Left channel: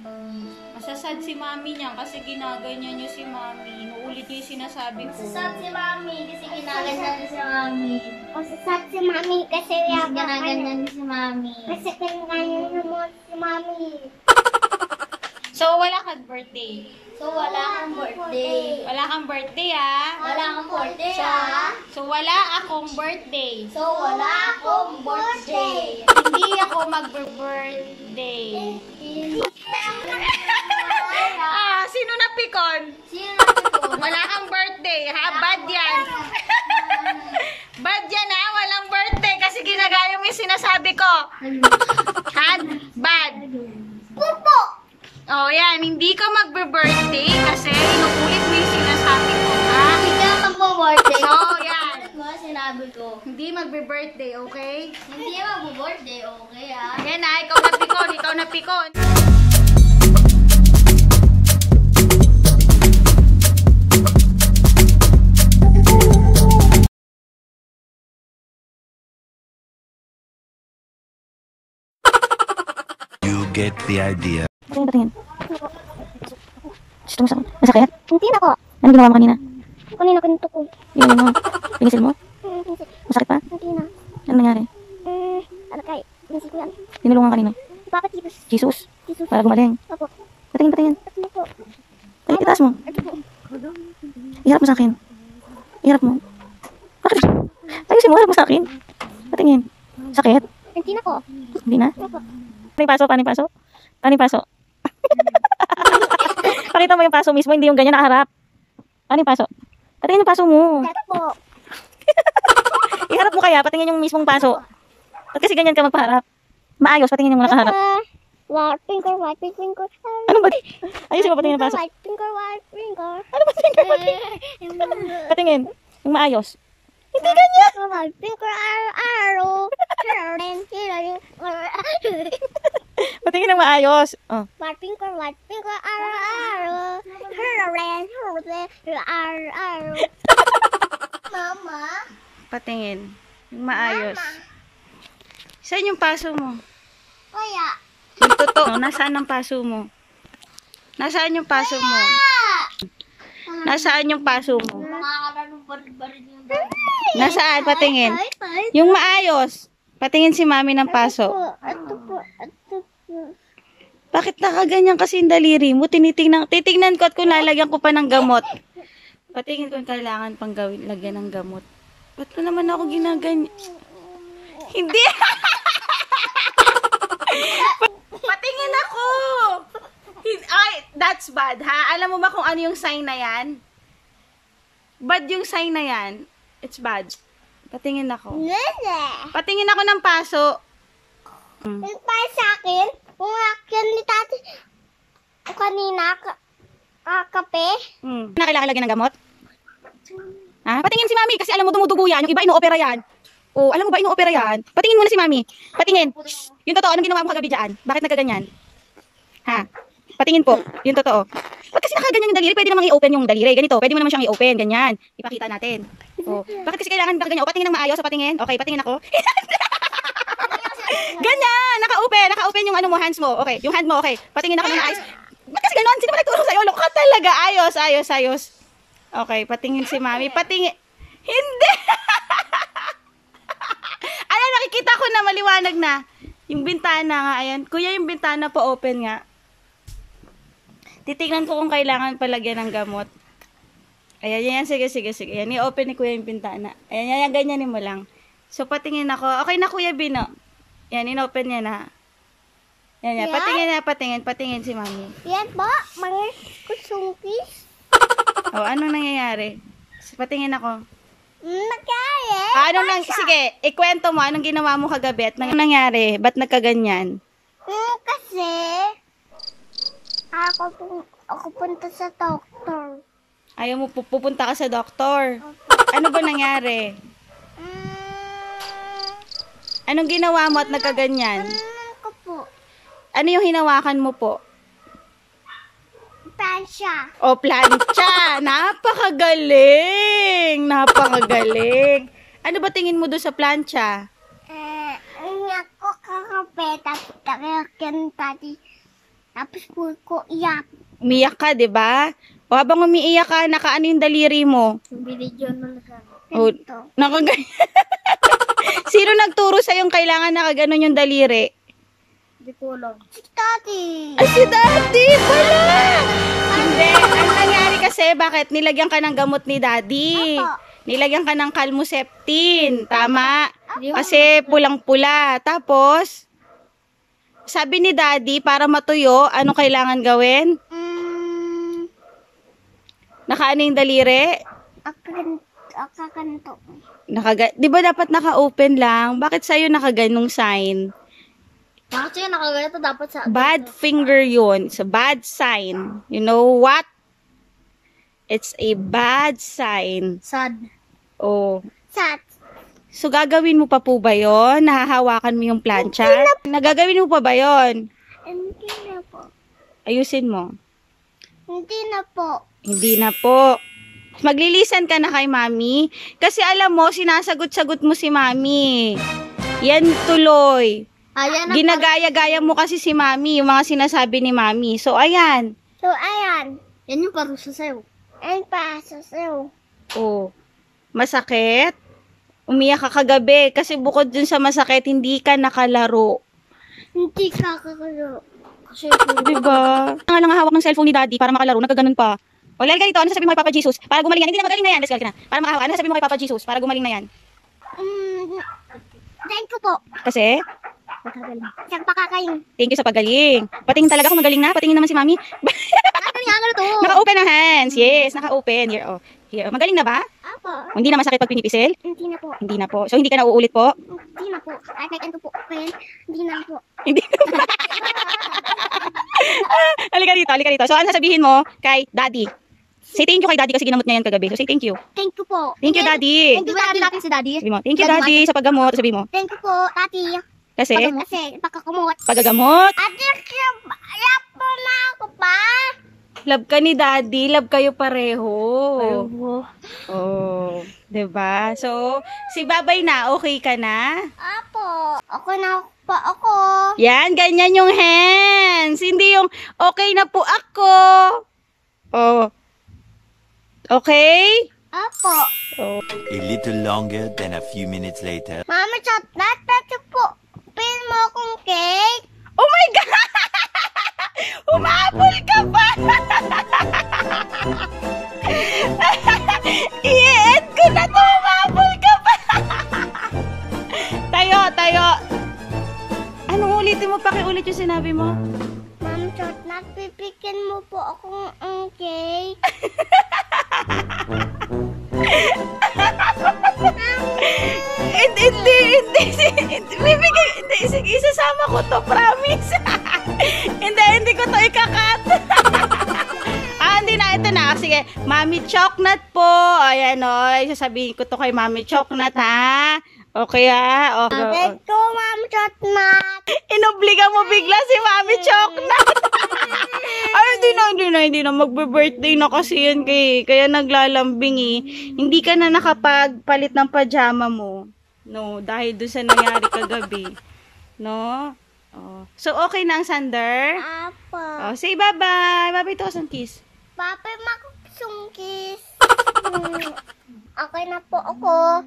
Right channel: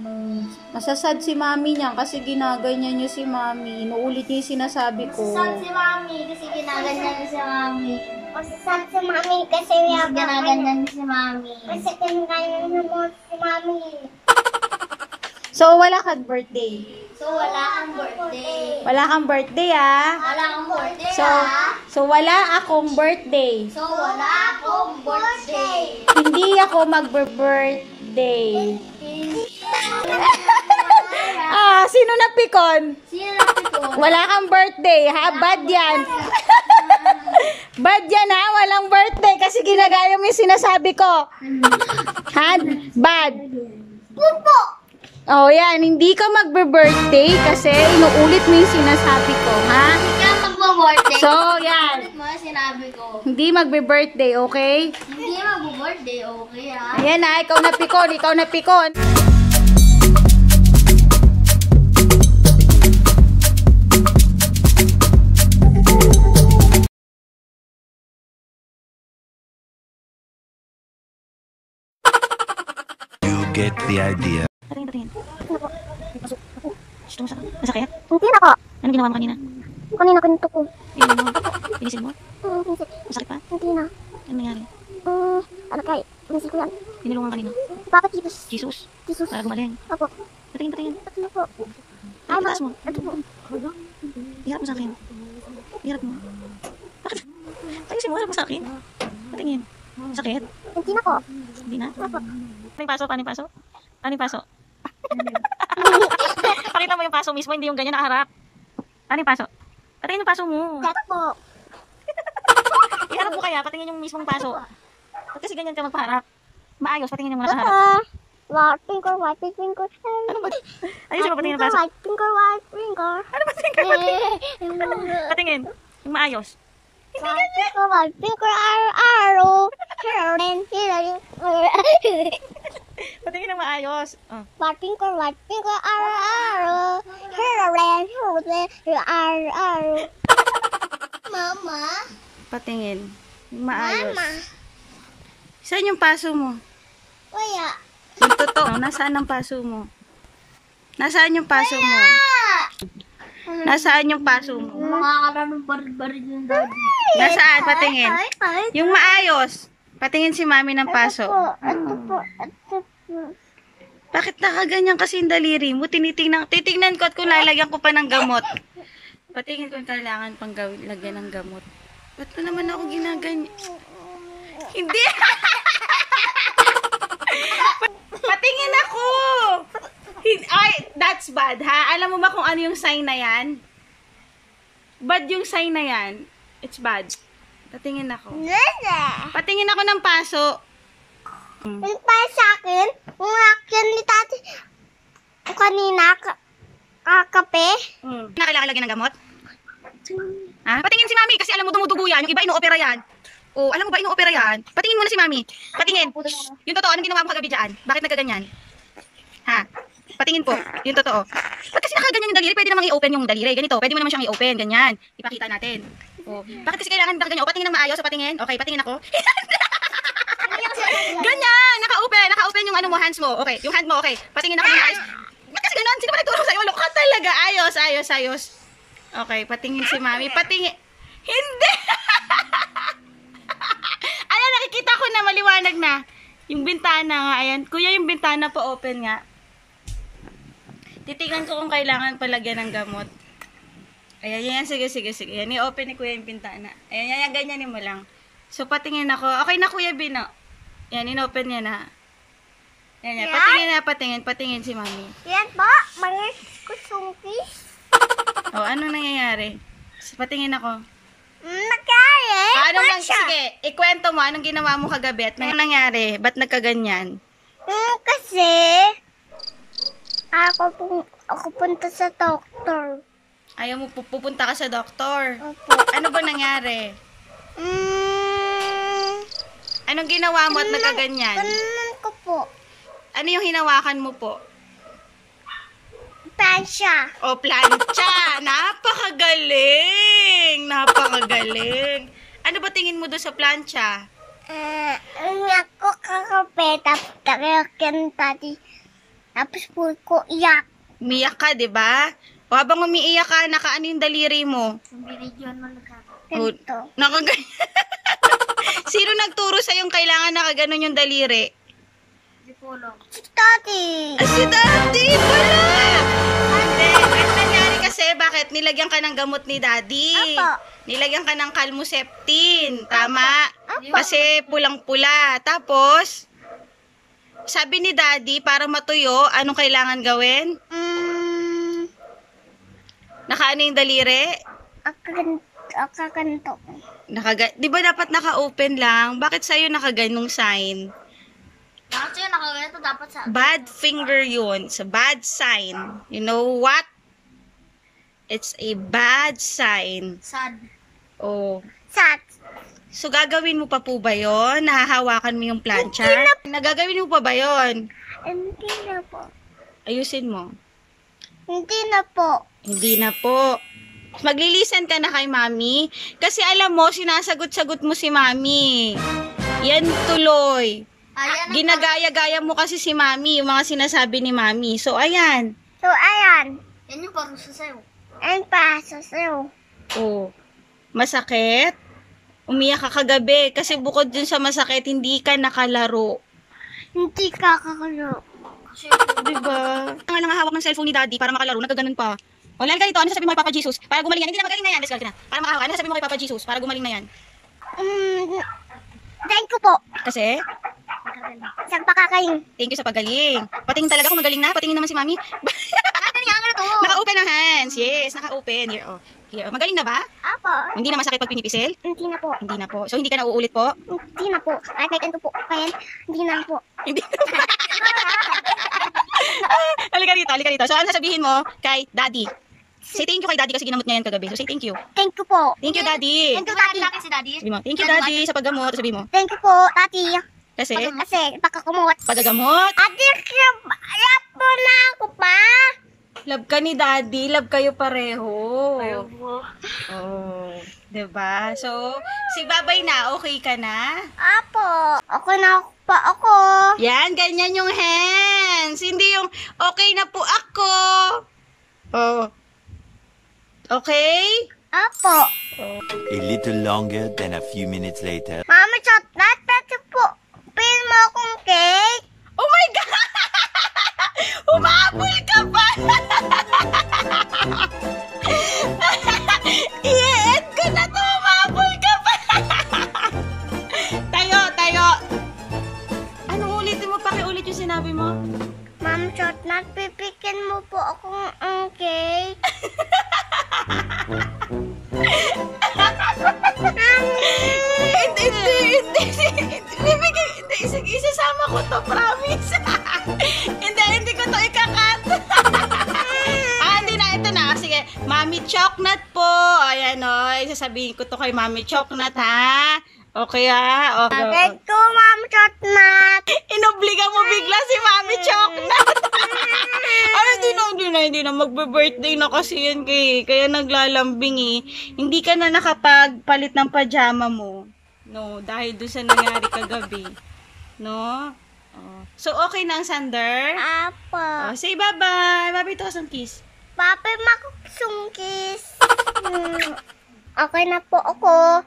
Masasad si mami niya kasi ginaganyan niyo si mami. Inuulit niyo yung sinasabi ko. Masasad si mami kasi ginaganyan niyo si mami. Masasad si mami kasi ginaganyan niyo si mami. Kasi ginaganyan niyo mo si mami. So, wala kang birthday. So, wala kang birthday. Wala kang birthday, ah. Wala kang birthday, So, wala akong birthday. So, wala akong birthday. Hindi ako magbe-birthday. Sino napikon? Sino napikon? Wala kang birthday, ha? Bad yan. Bad yan, ha? Walang birthday kasi ginagaya mo yung sinasabi ko. Ha? Bad. Pupo! Oh, yan. Hindi ka magbe-birthday kasi inuulit mo yung sinasabi ko, ha? Hindi ka magbo-birthday. So, yan. Ulit mo yung sinabi ko. Hindi magbe-birthday, okay? Hindi magbo-birthday, okay, ha? Ayan na, ikaw napikon, ikaw napikon. You get the idea. Patingin. Gusto mo masakit? Hindi na ko. Ano ginawa mo kanina? Kanina ganito ko. Ginawa mo? Pinisil mo? Pinisip. Masakit pa? Hindi na. Ano nangyari? Ano kay? Pinisil ko yan. Tinulungan kanina? Bakit Jesus? Jesus? Jesus. Para gumaling? Opo. Patingin. Ano po? Ay, itaas mo. Ito po. Iharap mo sa akin. Iharap mo. Bakit? Ayusin mo, harap mo sa akin. Patingin. Sakit? Hindi na po. Hindi na? Opo. Paano yung paso? Paano yung paso? Pakita mo yung paso mismo, hindi yung ganyan nakaharap. Paano yung paso? Patingin yung paso mo. Ito po. Iharap mo kaya, patingin yung mismong paso. Ba't kasi ganyan ka magpaharap? Maayos, patingin yung nakaharap. White finger. Ano ba? Ayusin mo, patingin yung paso. White finger. Ano ba tingin? Patingin. Yung maayos. Hindi ganyan. White finger, arrow. Patingin ng maayos. Oh. White finger, arrow. Arrow. Mama? Patingin. Yung maayos. Saan yung paso mo? Wala. Yung totoo. Nasaan ang paso mo? Nasaan yung paso mo? Nasaan yung paso mo? Makakaroon barid-barid yung daddy. Nasaan? Patingin. Yung maayos. Patingin si mami ng paso. Ito po. Bakit nakaganyan kasi yung daliri mo? Titignan ko at kung lalagyan ko pa ng gamot. Patingin kung kailangan pang lagyan ng gamot. Ba't mo naman ako ginaganyan? Hindi! Patingin ako! Ay, that's bad, ha? Alam mo ba kung ano yung sign na yan? Bad yung sign na yan. It's bad. Patingin ako. Patingin ako ng paso. Yung pa sa akin, yung akin ni tati, kanina, kape. Na kailangan lagyan ng gamot? Ha? Patingin si mami kasi alam mo dumudugo yan. Yung iba inuopera yan. Oh, alam mo ba inuopera yan? Patingin muna si mami. Patingin. Yung totoo, anong ginawa mo kagabi dyan? Bakit nagkaganyan? Ha? Patingin po. Yung totoo. Ba't kasi nakaganyan yung daliri? Pwede namang i-open yung daliri. Ganito. Pwede mo naman siyang i-open. Ganyan. Ipakita natin. Oh. Bakit kasi kailangan nakaganyan? O, patingin ng maayos. O, patingin. Okay, patingin ako. Ganyan. Naka-open. Naka-open yung ano mo, hands mo. Okay. Yung hand mo, okay. Patingin ako ng maayos. Ba't kasi ganon? Sino ba nagturo sa'yo? Loka talaga. Ayos. Okay, patingin si mami. Patingin. Hindi! Ayan, nakikita ko na maliwanag na. Yung bintana nga, ayan. Kuya, yung bintana po open nga. Titignan ko kung kailangan palagyan ng gamot. Ayan, sige. Ayan, i-open ni kuya yung bintana. Ayan, ganyanin mo lang. So, patingin ako. Okay na, Kuya Bino. Ayan, in-open niya na. Ayan, patingin si mami. Yan po, mga kusungkis. O, anong nangyayari? Patingin ako. Nagkaya. Sige, ikwento mo, anong ginawa mo kagabi at anong nangyari? Ba't nagkaganyan? Kasi, ako punta sa doktor. Ayaw mo pupunta ka sa doktor. Opo. Ano ba nangyari? Anong ginawa mo at nagkaganyan? Ganun ko po. Ano yung hinawakan mo po? Plancha. O, plancha! Napakagaling! Ano ba tingin mo doon sa plancha? Ako kakape, tapos tati Tapos po ko iyak. Umiyak ka, di ba? O habang umiiyak ka, nakaano yung daliri mo? Binidyon mo na ka. O, Ganito. nakagan... Sino nagturo sa yung kailangan nakaganon yung daliri? Hindi ko alam. Si Daddy. Ay, si Daddy pala! Hindi. Ano nangyari kasi? Bakit? Nilagyan ka ng gamot ni Daddy. Apo. Nilagyan ka ng Calmoseptin. Tama? Kasi pulang-pula. Tapos, sabi ni Daddy, para matuyo, ano kailangan gawin? Nakaano yung daliri? Akakanto. Di ba dapat naka-open lang? Bakit sa'yo nakaganong sign? Bakit yun nakaganito dapat sa... Bad finger yun. It's a bad sign. You know what? It's a bad sign. Sad. Oh. Sat. So, gagawin mo pa po ba yun? Nahahawakan mo yung plancha? Nagagawin mo pa ba yun? Hindi na po. Ayusin mo. Hindi na po. Hindi na po. Maglilisan ka na kay Mami. Kasi alam mo, sinasagot-sagot mo si Mami. Yan tuloy. Ayan na. Ginagaya-gaya mo kasi si Mami, yung mga sinasabi ni Mami. So, ayan. So, ayan. Yan yung parusa sa'yo. Ang paso sa'yo. Oh. Masakit? Umiyak ka kagabi. Kasi bukod dun sa masakit, hindi ka nakalaro. Hindi kakakalo. Kasi Diba? Ang lang hawak ng cellphone ni Daddy para makalaro, nagkaganon pa. O, lalo ganito, ano sasabihin mo kay Papa Jesus? Para gumaling yan. Hindi na magaling na yan. Let's go, na. Para makahawak. Ano sasabihin mo kay Papa Jesus? Para gumaling na yan. Thank you po. Kasi, Isang pakakain. thank you sa pagaling. Patingin talaga kung magaling na. Patingin naman si Mami. ano nga to? Naka-open ang hands. Yes, naka-open. Here, oh. Here. Magaling na ba? Apo. Hindi na masakit pag pinipisil? Hindi na po. Hindi na po. So, hindi ka na uulit po? Hindi na po. At may kanto po. Kaya, hindi na po. Hindi na. Halika dito. So, ano sasabihin mo kay Daddy? Say thank you kay Daddy kasi ginamot niya yan kagabi. So, say thank you. Thank you po. Thank you, Daddy. Thank you, Daddy Daddy. natin si Daddy. Sabi mo, thank you, Daddy, sa paggamot. Sabi mo, Thank you po, Daddy. kasi, Kasi, pagkakumot. pagagamot. Ate, lap po na ako pa. Love ka ni Daddy. Love kayo pareho. Oh, diba? So, si Babay na, okay ka na? Apo. Ako na pa ako. Yan, ganyan yung hands. Hindi yung, okay na po ako. Oh. Okay? Apo. Oh. A little longer than a few minutes later. Mama, chat na. Tati po. Pil mo akong cake. Oh my God! Humabol ka pa! I-end ko na to! Humabol ka pa! Tayo! Anong ulitin mo? Pakiulit yung sinabi mo? Ma'am, chat na. Pipikin mo po akong cake. Hindi. Sige, isasama ko to, promise. Hindi ko to ikakat. Hindi na, ito na. Sige, Mami Choknut po. Ayan o, isasabihin ko to kay Mami Choknut, ha? Okay, ha? Thank you, Ma'am, chat na. Inobliga mo bigla si Mami Choknut. Ay, hindi na. Magbe-birthday na kasi yan kaya naglalambing eh. Hindi ka na nakapagpalit ng pajama mo. No, dahil doon sa nangyari kagabi. No? Oh. So, okay na ang Sander? Apo. Oh, say bye-bye. Bye-bye to some kiss. Papa, makusungkis. Okay na po ako.